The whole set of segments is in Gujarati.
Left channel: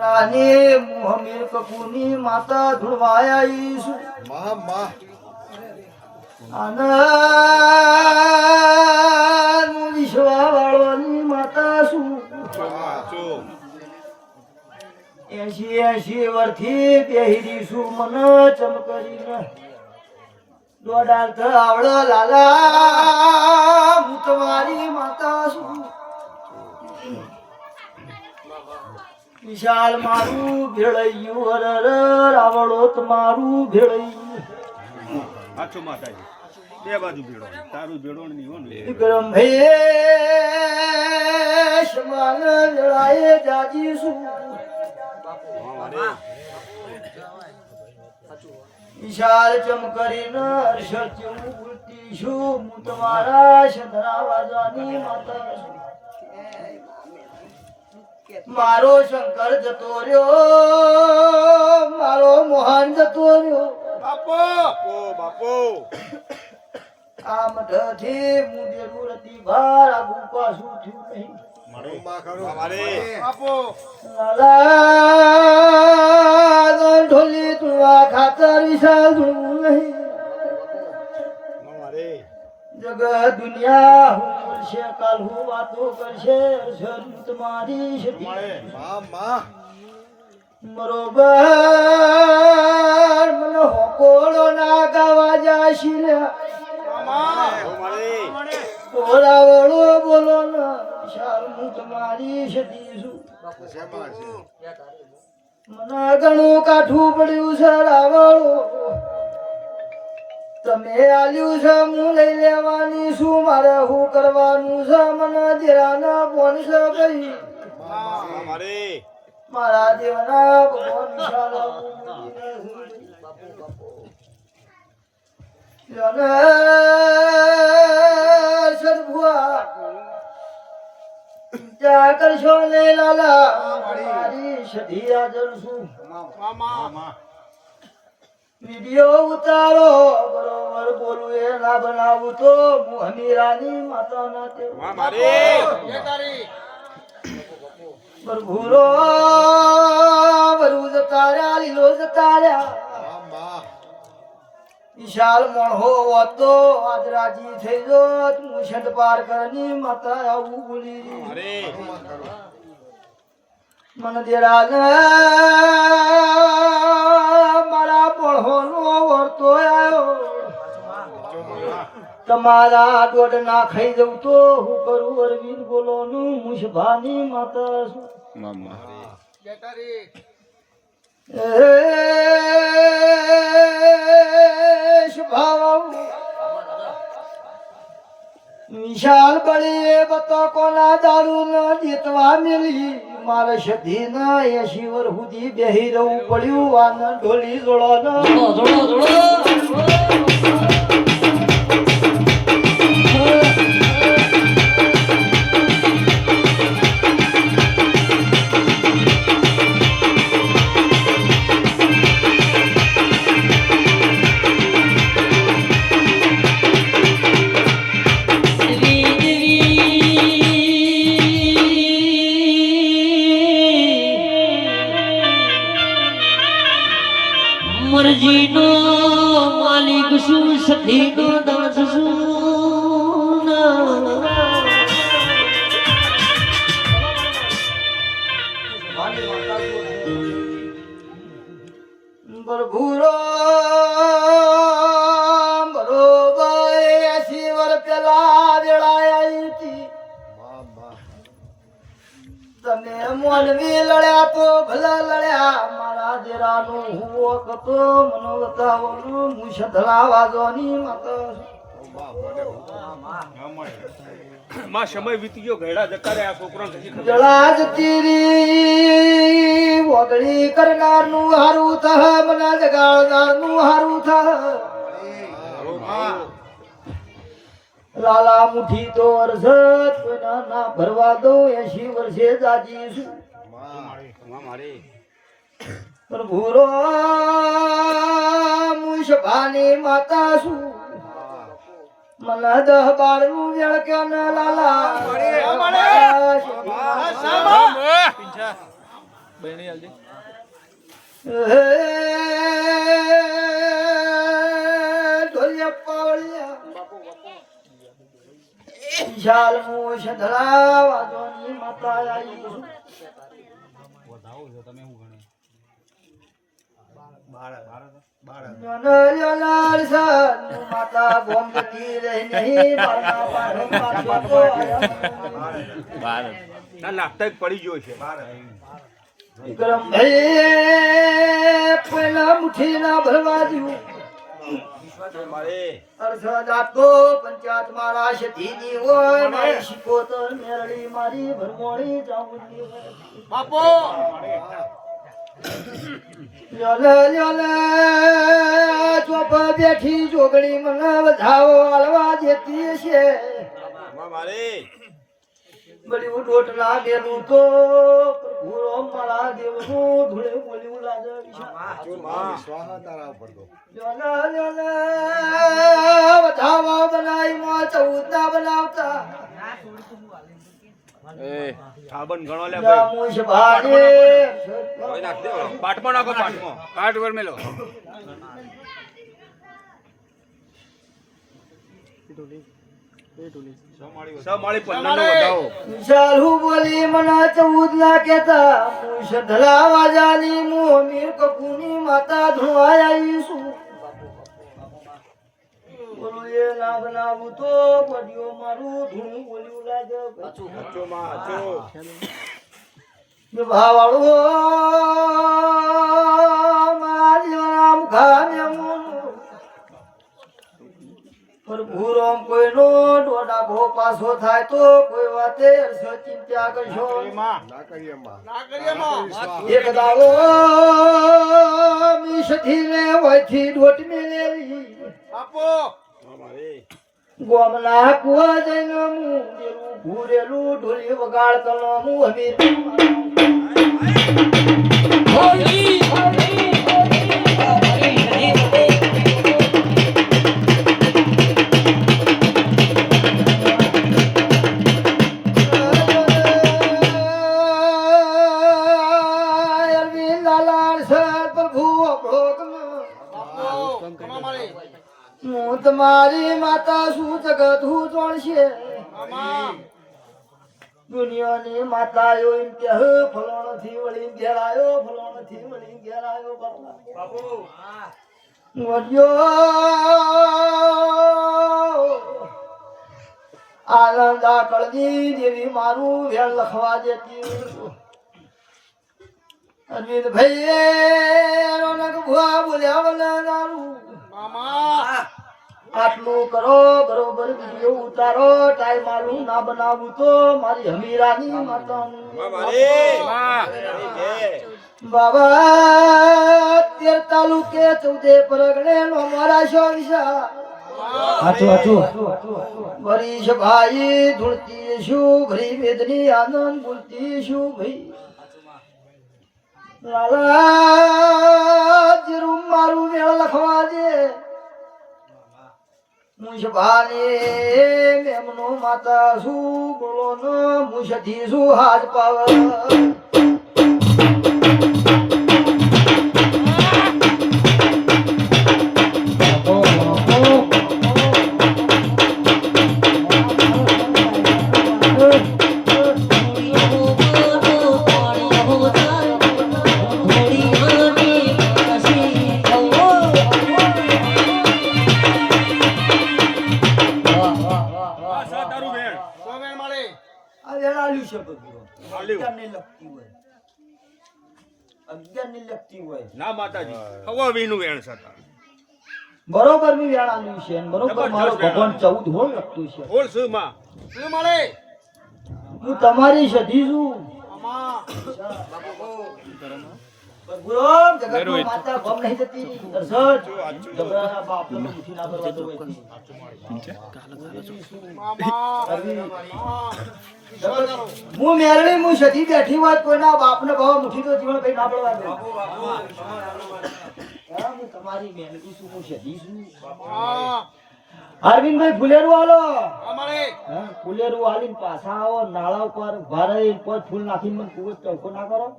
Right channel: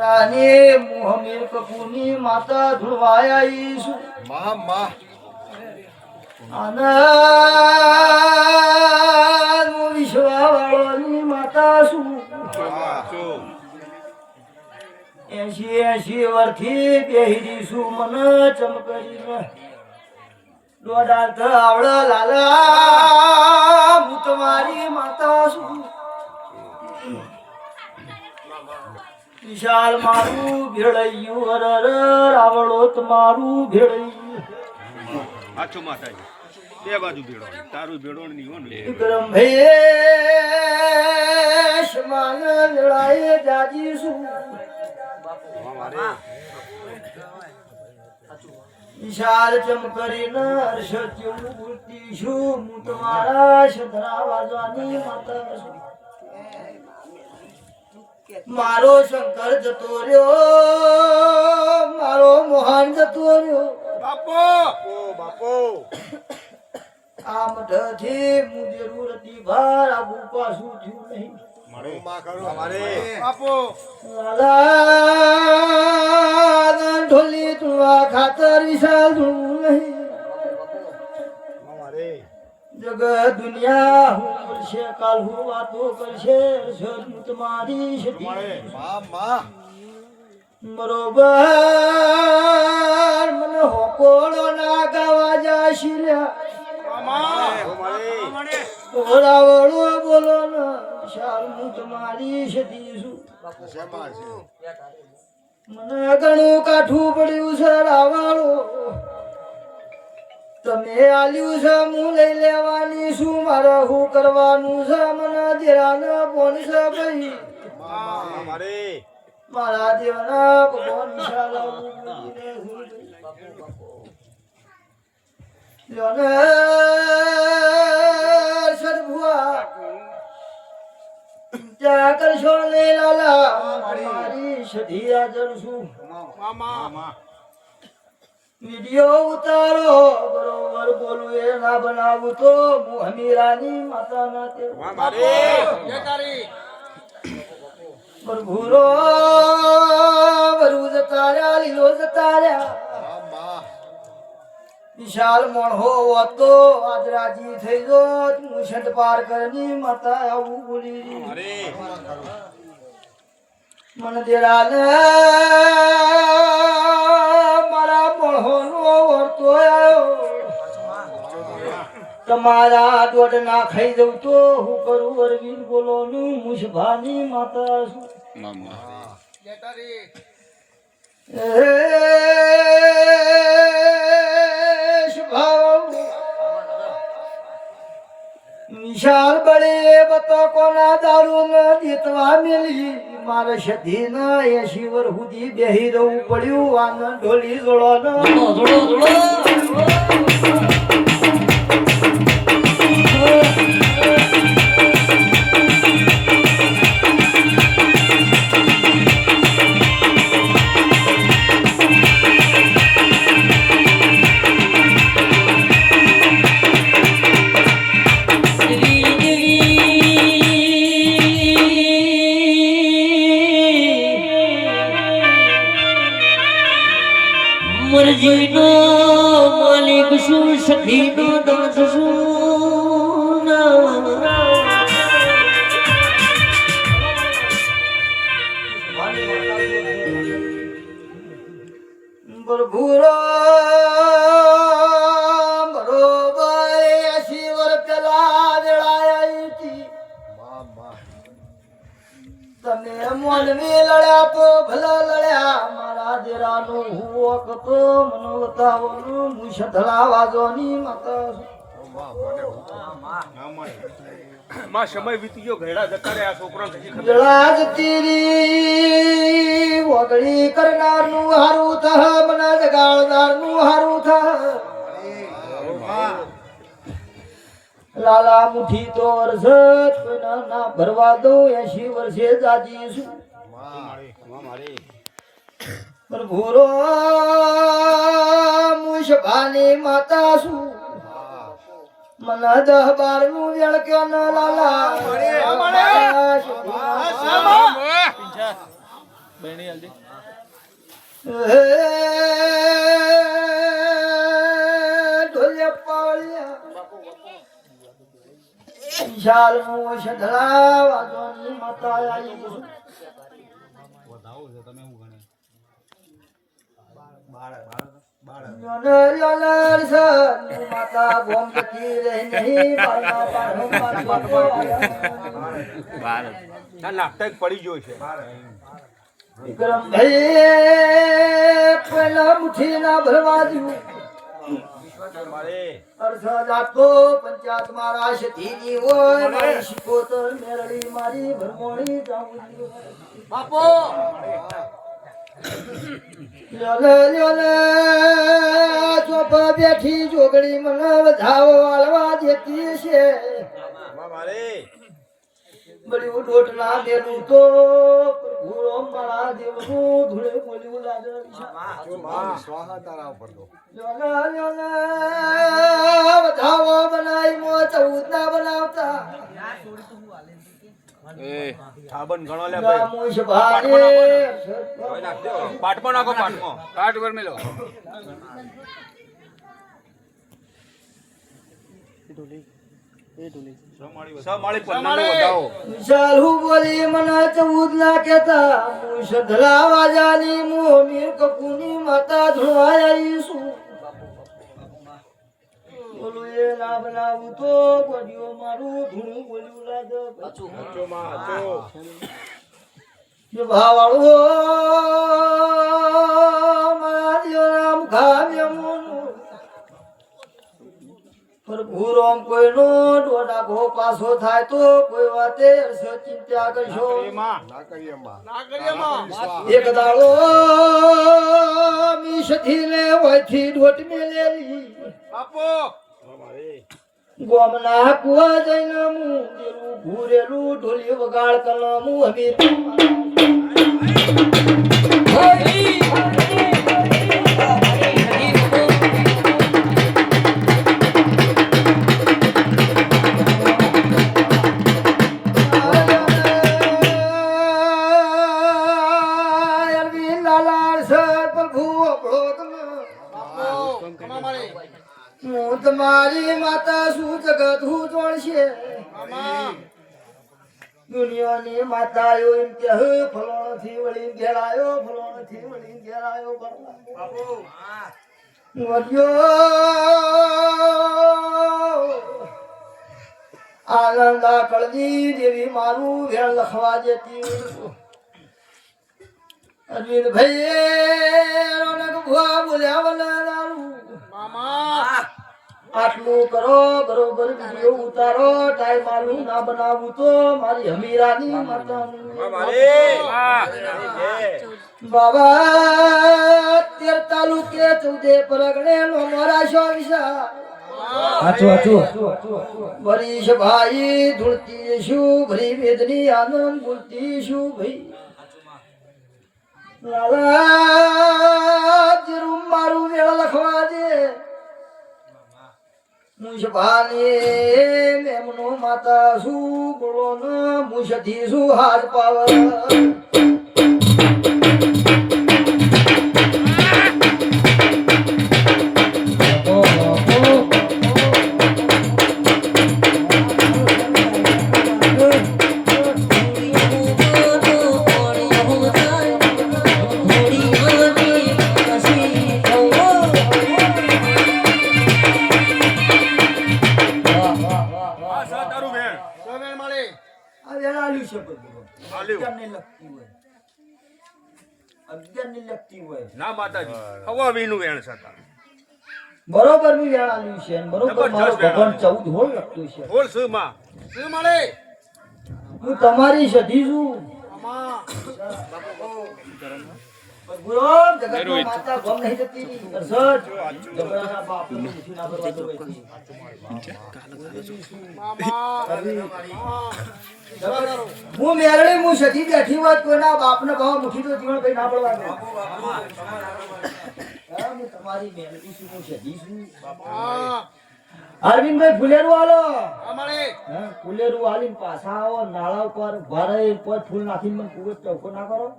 રાની મોહમીર કપૂરની માતા ધુળવાયા ઈસુ માં આનંદ વિશ્વા વાળોની માતા શું 80 વર્ષથી બેહરી શું મન ચમકરીને દોડાત આવડ લાલા હું તમારી માતા છું વિશાલ મારું ભેળૈયું હરર રાવળો તમારું ભેળૈયું આછો માતાજી બે બાજુ ભેળો તારું ભેળો નહીં હો ને વિક્રમ ભેશ માન લડાય જાજી શું વિશાલ ચમકરીને હર્ષ ઉડતી છું હું તમારા શધરા વાજવાની માતા છું મારો શંકર જતો રહ્યો મારો મોહન જતો રહ્યો બાપો આ મઠથી હું જરૂરતી ભાર આગુ પાછું થયું નહીં લાલા ઢોલી તુવા ખાતર વિશાલ જોવું નહીં જગત દુનિયા હું કરશે કાલ હું વાતો કરશે હું તમારી બરોબર મને હોકોડો ના ગાવા જાશી ઓરાવળો બોલો ના વિશાલ હું તમારી સતી છું મને ઘણું કાઠું પડ્યું છે રાવળો તમે આલ્યું છે હું લઈ લેવાની છું મારે હું કરવાનું છે મને દેરાના ફોન છે ભાઈ મારા દેવના ભગવાન વિશાલ સરભુઆ ચિંતા કરશો ને લાલા મારી સધી હાજર છું વિડિયો ઉતારો બરોબર બોલું એ ના બનાવું તો હું હમીરાની માતા ના તે બરભુરો બરુજ તારા લીલો જતાર્યા વિશાલ મોણહો હતો આજ રાજી થઈ જો હું છત પાર કરની માતા આવું બોલી મન દેરાને મારા પણહોનો વર્તો આવ્યો તમારા દોડ ના ખાઈ જવું તો હું કરું અરવિંદ બોલોનું મુશભાની માતા છું વિશાલ બળે બતો કોના દારૂ ન જીતવા મેલી મારે સધી ના 80 વર્ષ સુધી બેહી રહું પડ્યું આનંદ ઢોલી જોડો મરજીનો માલિક શું સખીનો દાસ શું બરભુરો બરોબર 80 વર્ષ પેલા વેળાઈ હતી તમે મોલવી લડ્યા તો ભલે લડ્યા મારા દેરાનું હુવો કતો મનોતાઓનું મુશધલા વાજવાની માતા માં સમય વીતી ગયો ઘેડા જતા રે આ છોકરા જળા જતી રી વગડી કરનારનું હારું થહ મને જગાડનારનું હારું થહ લાલા મુઠી તો અરસત કોઈના ના ભરવા દો 80 વર્ષે જાજી છું ભૂરો મુશભાની માતા છું મને 10-12 નું વેળ કે લાલા હે ઢોલિયા પાવળિયા વિશાલ મોશ ધરાવા જોની માતા આવી છું યોલર સન માતા ગોમ જતી રહી નહીં બારના પાડો ના નાખતા જ પડી ગયો છે વિક્રમ ભાઈ પેલા મુઠ્ઠી ના ભરવા દઉં અરસદ આપતો પંચાયત મારા શતીની હોય મારી શિકોતર મેરડી મારી ભરમોણી જાઉંની બાપો યોલે યોલે ચોપ બેઠી જોગણી મને વધાવો આલવા દેતી છે બળી ઉઠોટ ના દેલું તો ભૂરો મારા દેવનું ધૂળે બોલ્યું લાગે સ્વાહા તારા ઉપર તો યોલે યોલે વધાવો બનાવી મો 14 ના બનાવતા સાબન ગણો લે રામુશ ભારે પાટમાં નાખો પાટમાં કાટ પર મેલો સમાળી પન્નાનો વધાવો વિશાલ હું બોલી મને 14 ના કેતા મુશ ધલાવા જાની મુ મીર કપૂની માતા ધુવાય આવીશું બોલું એ ના બનાવું તો ગોડિયો મારું ધૂણું બોલ્યું લાગે જો ભાવાળો મારા જીવના મુખામ્યમું પર ભૂરોમ કોઈનો ડોડા ભો પાસો થાય તો કોઈ વાતે અરસો ચિંતા કરશો ના કરીએ માં એક દાડો મીશથી ને વયથી ડોટ મેલેલી બાપો ગોમના કુવા જઈને હું ઘૂરેલું ઢોલી વગાડ કલમું હમીર હું તમારી માતા શું જગત હું જોણશે દુનિયાની માતા એમ કે ફલોણો થી વળી ઘેરાયો ફલોણો થી વળી ઘેરાયો બાપુ આનંદ આકળની દેવી મારું વેણ લખવા દેતી અરવિંદ ભાઈ રોનક ભુવા બોલ્યા વલા દારૂ આટલું કરો બરોબર વિડિયો ઉતારો ટાઈમ મારું ના બનાવું તો મારી હમીરાની માતાનું બાબા 13 તાલુકે 14 પરગણે નો મારા શોનશા વરીશ ભાઈ ધૂળતી શું ભરી વેદની આનંદ બોલતી શું ભાઈ લાલા જરૂર મારું વેળ લખવા દે મુશભાને મેમનો માતા શું બોલો ન મુશથી શું હાથ પાવ ના માતાજી હવા વીનું વેણ સતા બરોબર મી વેણ આલ્યું છે બરોબર મારો ભગવાન 14 હોલ લખતું છે બોલ શું માં શું મળે હું તમારી સધી છું ગુરુ જગતમાં માતા ગમ નહીં જતી અરસદ જબરાના બાપનો મુઠી ના ભરવા દો હું મેરડી હું સધી બેઠી હોત કોઈના બાપને ભાવ મુઠી તો જીવન ભાઈ ના પડવા દો હું તમારી મેરડી છું હું સધી છું અરવિંદભાઈ ફુલેરું આલો ફુલેરું આલીને પાછા આવો નાળા ઉપર ભરાઈ કોઈ ફૂલ નાખીને મને કુવે ચૌકો ના કરો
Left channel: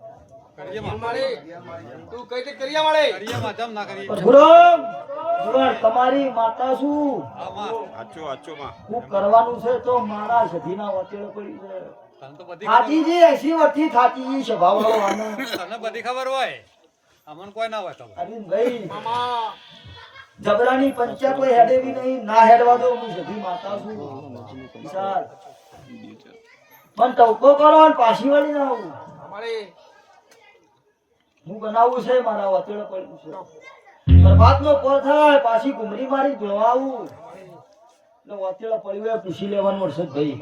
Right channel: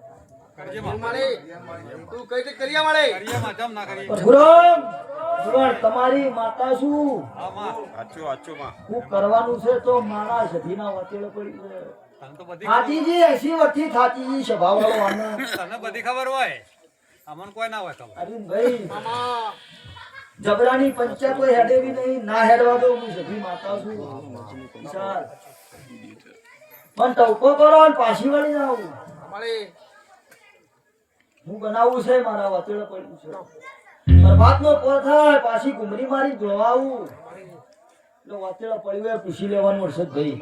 તું કઈ તે કર્યા મળે પરશુરામ ભગવાન તમારી માતા શું આચો આચો માં હું કરવાનું છે તો મારા સધીના વચેલો પડી છે થાતીજી 80 વર્ષથી થાતીજી સ્વભાવવાળો આનો તને બધી ખબર હોય અમન કોઈ ના હોય ખબર અરવિંદભાઈ જબરાની પંચાયત કોઈ હેડેવી નહીં ના હેડવા દો હું સધી માતા છું વિશાલ પણ ટવકો કરો અને પાછી વળી ના આવું મળે હું બનાવું છે મારા વચેલો પડ્યું છે બરબાદનો કોલ થાય પાછી ગુમરી મારી જોવાવું એટલે વચેલો પડ્યું એ પૂછી લેવાનું હર્ષદભાઈ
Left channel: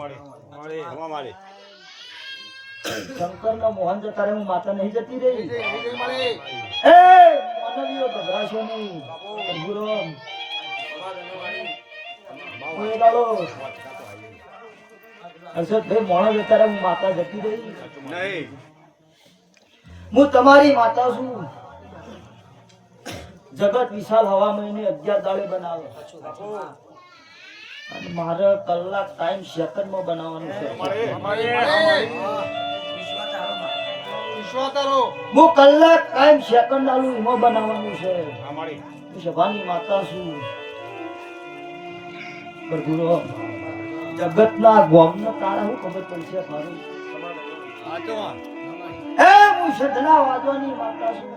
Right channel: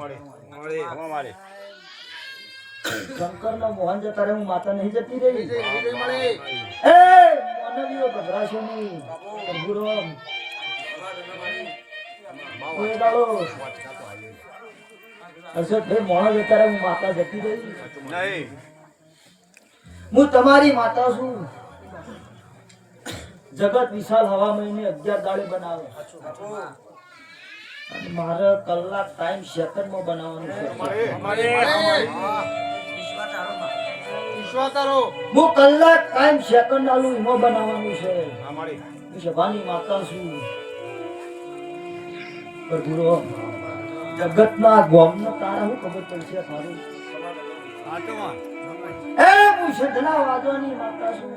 મારે શંકરનો મોહન જતા રે હું માતા નહીં જતી રહી મળે એ માનવીઓ ગભરાશો નહીં પરશુરામ કોઈ દાડો હર્ષદભાઈ મોહન જતા રે હું માતા જતી રહી નહીં હું તમારી માતા છું જગત વિશાલ હવા મહિને 11 દાડે બનાવે અને મારે કલાક ટાઈમ સેકન્ડમાં બનાવવાનું છે વિશ્વાસ તારો હું કલાક ટાઈમ સેકન્ડ આલું એમાં બનાવવાનું છે અમારે હું સભાની માતા છું પરશુરામ જગતના ગોમના તારા શું ખબર પડશે સારું આચો માં એ હું સદના વાદવાની માતા છું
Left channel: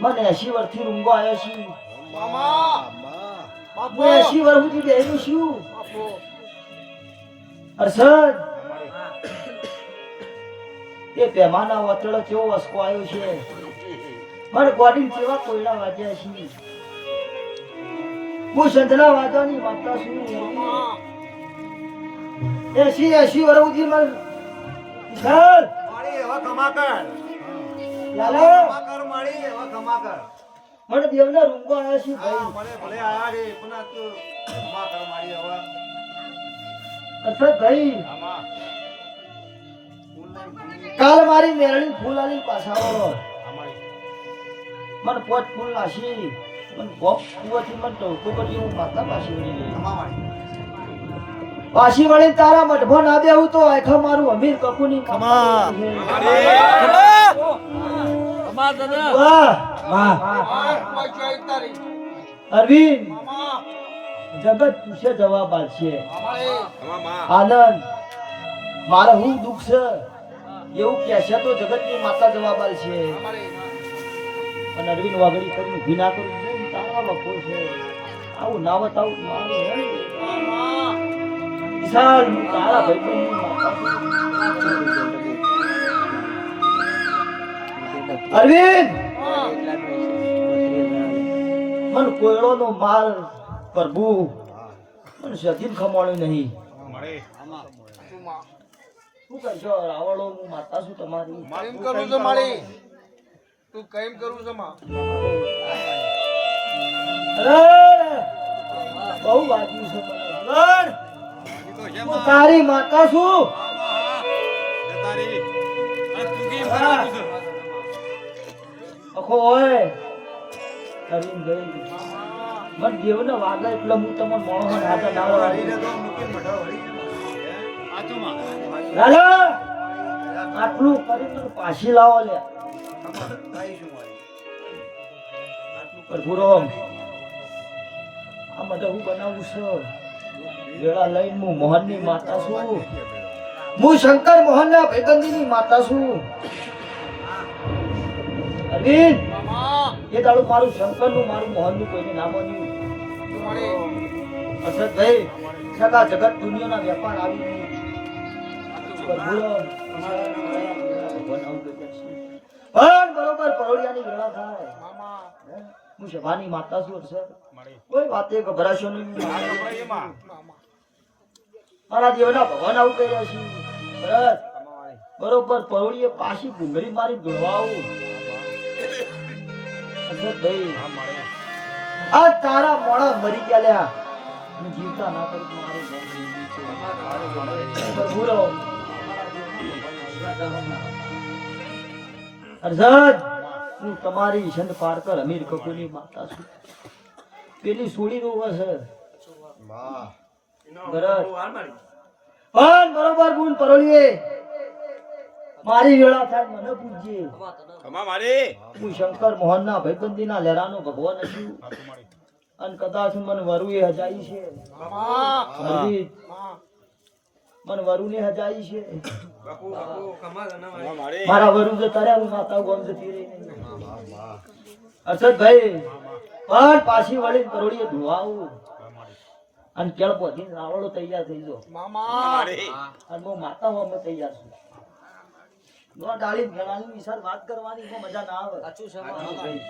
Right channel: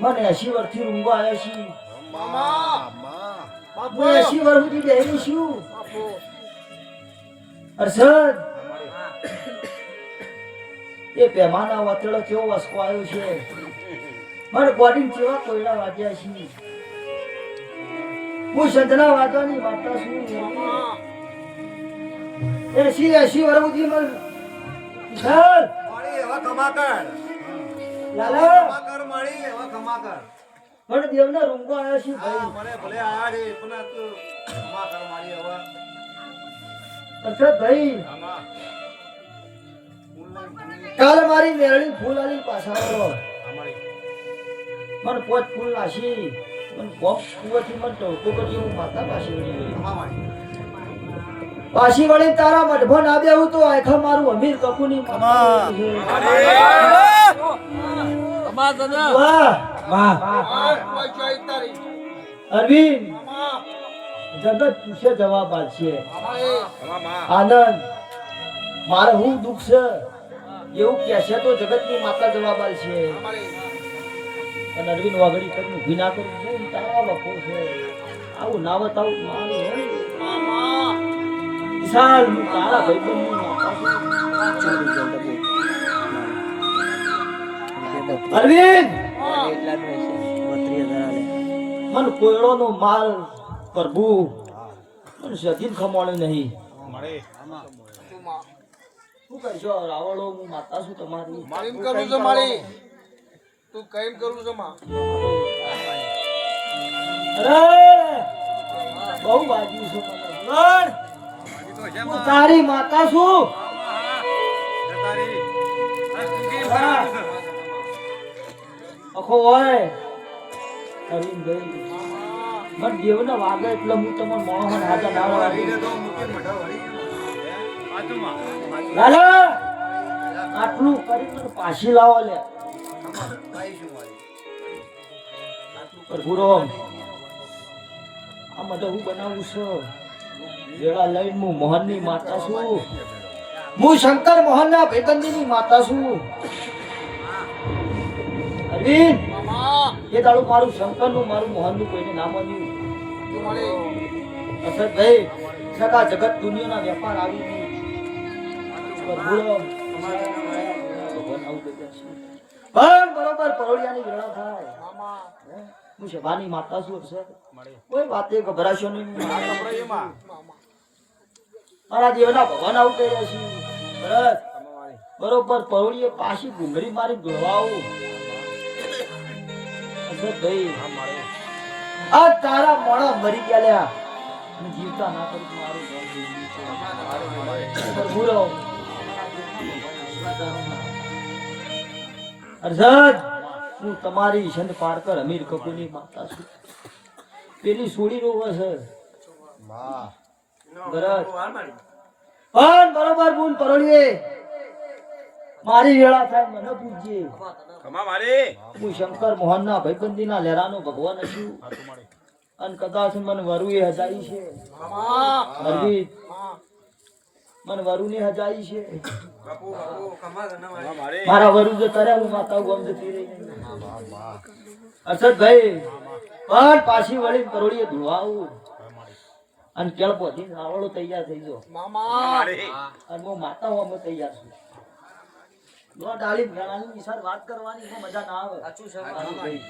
મને 80 વર્ષથી રૂંગો આવ્યા છે મામા હું 80 વર્ષ સુધી બેહી છું બાપુ હર્ષદ એ પેમાના વાતળો કેવો વસકો આવ્યો છે મારે ગોડી કેવા કોયડા વાગ્યા છે હું સદના વાદવાની માતા છું 80 વર્ષ સુધી મને વિશાલ મારી એવા કમા કર લાલા કમા કર મારી એવા કમા કર મને દેવના રૂંગો આવ્યા છે હા ભાઈ મને ભલે આ રે પણ આ તું કમા કર મારી હવે હર્ષદ ભાઈ કાલ મારી મેરડી ફૂલ આલી પાછા આવો મને પોચ ફૂલ નાસી મને ગોપ કુવાથી મને ટોટો કરી હું માતા પાછી વળી કમા મારી પાછી વળી તારા મઢભો ના બેહું તો આખા મારું અમીર કપૂની કમા કમા દાદા વાહ વાહ કોઈ ચોઈ તારી અરવિંદ મામા જગત પૂછે જવાબ આપશે મળે આનંદ મારે હું દુઃખ છે એવું કહેશે તો જગતની માતા જવાબ આપશે મળે અને અરવિંદ વાગડી કરીને ઊભી ના કરું છું તારા બપોર છે આવું ના બતાવું મામા વિશાલ હું તારા ભાઈબંધની માતા છું. અરવિંદ મન કોયડોનો માલ પ્રભુ મન સજીન ખમાણ્યો નહીં મળે શું કહેશો રાવળો હું માતા છું તમારી કેમ કરું છે મારી તું કેમ કરું છે માં અરે બહુ વાગ્યું છે મને. લડ. હું તારી માતા છું હા. આખો હોય હરીમ ગઈ મને દેવને વાગે એટલે હું તમને મોહન હાથા ના વાળી. લાલા આટલું કરી મને પાછી લાવો લે પરશુરામ આ મને હું બનાવું છું વેળા લઈને હું મોહનની માતા છું હું શંકર મોહનના ભાઈબંધીની માતા છું અરવિંદ મામા એ દાડું મારું શંકરનું મારું મોહનનું કોઈને ના માન્યું તું મળે અસરભાઈ સગા જગત દુનિયાના વેપાર આવી ગયું પરશુરામ ભગવાન આવું કહે છે પણ બરોબર પરોડિયાની વેળા થાય મામા હું સભાની માતા છું સર કોઈ વાતે ગભરાશો નહીં મામા મારા દેવના ભગવાન આવું કહી રહ્યા છે ભરત બરોબર પરોડીએ પાછી ઘૂંઘરી મારી ગળવા આવું ભાઈ આ તારા મોણા મરી ગયા લ્યા અને જીવતા ના કરી મારું નામ જીવ્યું છે. પરશુરામ, અર્જુન, હું તમારી ઈશન પારકર અમીર કપૂરની માતા છું. પેલી સોડી નું છે ભરત પણ બરોબર બૂન પરોળીએ મારી વેળા થાય મને પૂછજે. ખમા મારી હું શંકર મોહનના ભાઈબંધીના લેરાનો ભગવાન છું. અને કદાચ મને વરુએ હજાઈ છે. અરવિંદ, મને વરુને હજાઈ છે. ખમા મારી મારા વરુ જે કર્યા હું માતા ગોમ જતી રહી. અરશદભાઈ પણ પાછી વળી પરોળીએ ધોવાવું અને કેળ પોથી નાવડો તૈયાર થઈ ગયો. મારી અને હું માતા હું અમે તૈયાર છું. નો ડાળી ભેળાની વિશાળ વાત કરવાની એમાં મજા ના આવે. ભાઈ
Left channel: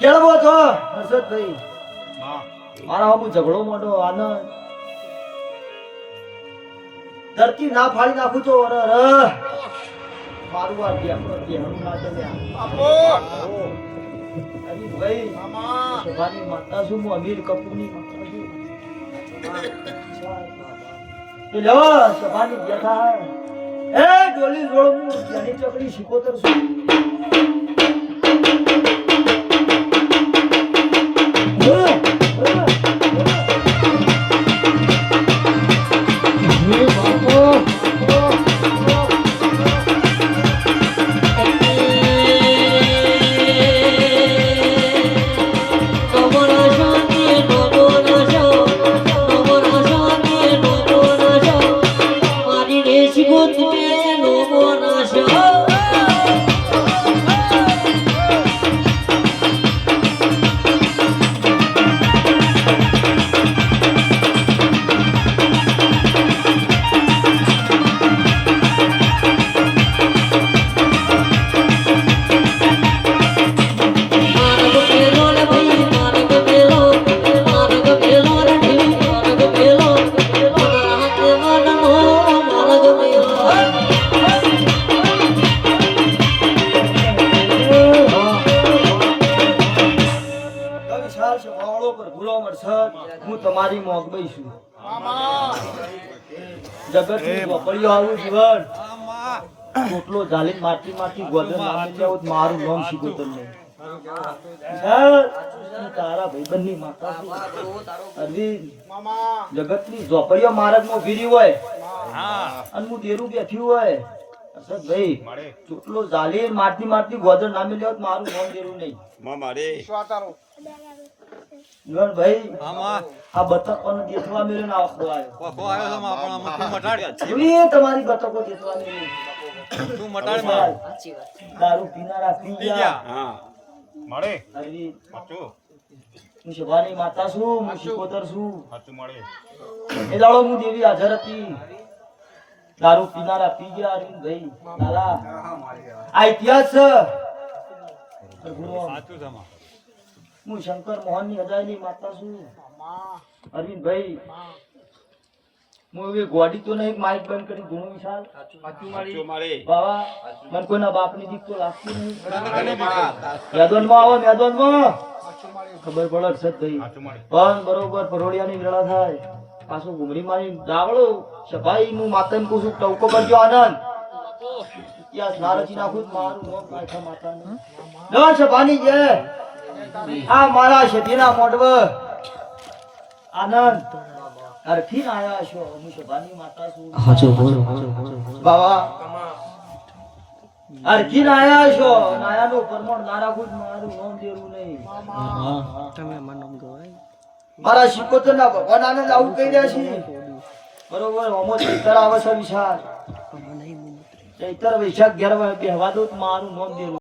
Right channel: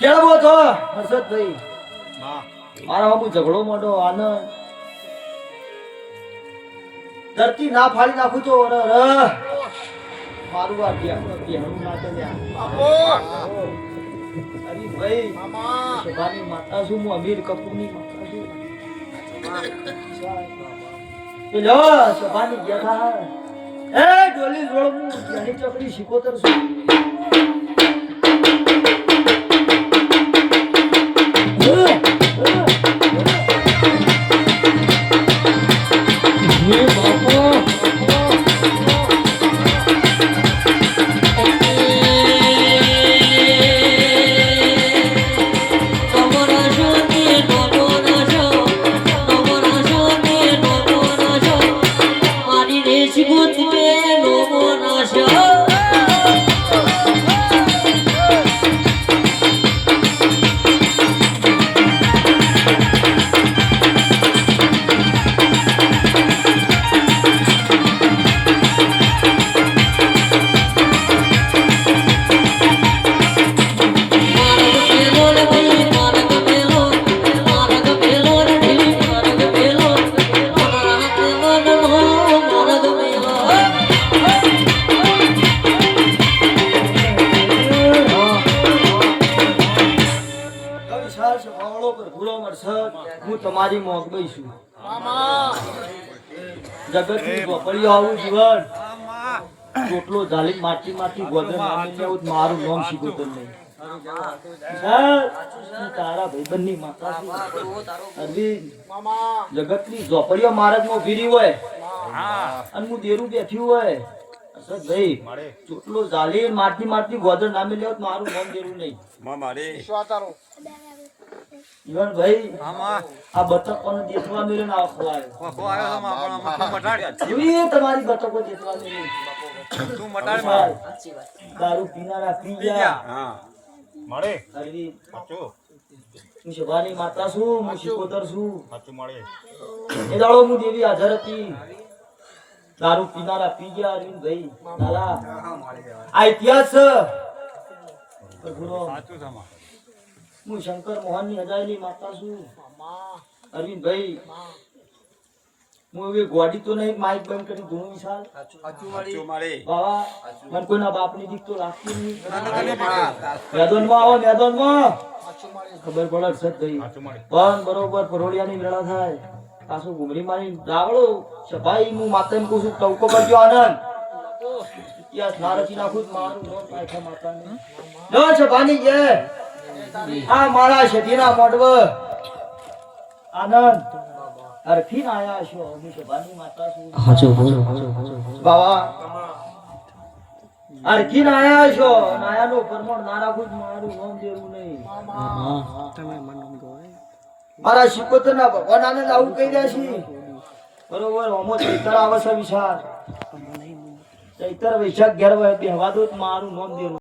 કેળવો છો હર્ષદભાઈ? મારા હું ઝઘડો મોટો આનંદ ધરતી ના ફાડી નાખું તો મારું આ બેહણું ના કર્યા. અરે ભાઈ સભાની માતા છું, હું અમીર કપૂરની માતા છું. એ લો સભાની બેઠા એ ડોલી જોડ હું ત્યાંની ચકડી શીખોતર છું. હું તમારી મોગબઈ છું. જગતની ઝોપડીઓ આવું જીવન ટોટલો ઝાલી માટી માંથી ગોદર નામી જાઉં મારું નામ શીખોતર નહીં. હું તારા ભાઈબંધની માતા છું. અરવિંદ, જગતની ઝોપડીઓ માર્ગમાં ફીરી હોય અને હું દેરું બેઠી હોય ભાઈ ચોટલો ઝાલી માટી માંથી ગોદર નામી જાઉં મારું નામ દેરું નહીં. મારી જીવનભાઈ આ બતકોને દેખવા મેળીને આખો આવ્યો. એવી તમારી બતકો દેખવા મેળી દારૂ પીનારા પી ગયા. અરવિંદ, હું સભાની માતા છું, હું શીખોતર છું. એ દાડો હું દેવી હાજર હતી. દારૂ પીનારા પી ગયા. અરવિંદભાઈ લાલા આ ઇતિહાસ છે. હું શંકર મોહનની હજારની માતા છું. અરવિંદભાઈ, હું એવી ગોડી તો નહીં માઇક બંધ કરી ધૂણું વિશાલ. બાવા મને કોઈના બાપની દીક તો લાગતી નહીં. મેદાનમાં આવો, મેદાનમાં ખબર પડે અરશદભાઈ. પણ બરોબર પરોળિયાની વેળા થાય પાછું ઘુમરી મારી દાવડો સભાઈ હું માતાને કહું છું ટવકો કરજો આનંદ. ઇતિહાસ ના રચી નાખું મારું નોમ પાછા માતાને નો સભાની જય. આ મારા શેઠીના મોઢવ આનંદ અરખીન આયા છો. હું સભાની માતા છું. બાવા અરખીન આયા છો. નાયાનો પરમણ ના રાખું મારું નામ દેવું નહીં. મારા શિકોતરના ભગવાન આનંદ આવું કહી રહ્યા છે. બરોબર હોમો ચૈતર આવે છે વિશાળ. ચૈતર વૈશાખ 11 બેહવા દો મારું નામ દેવું.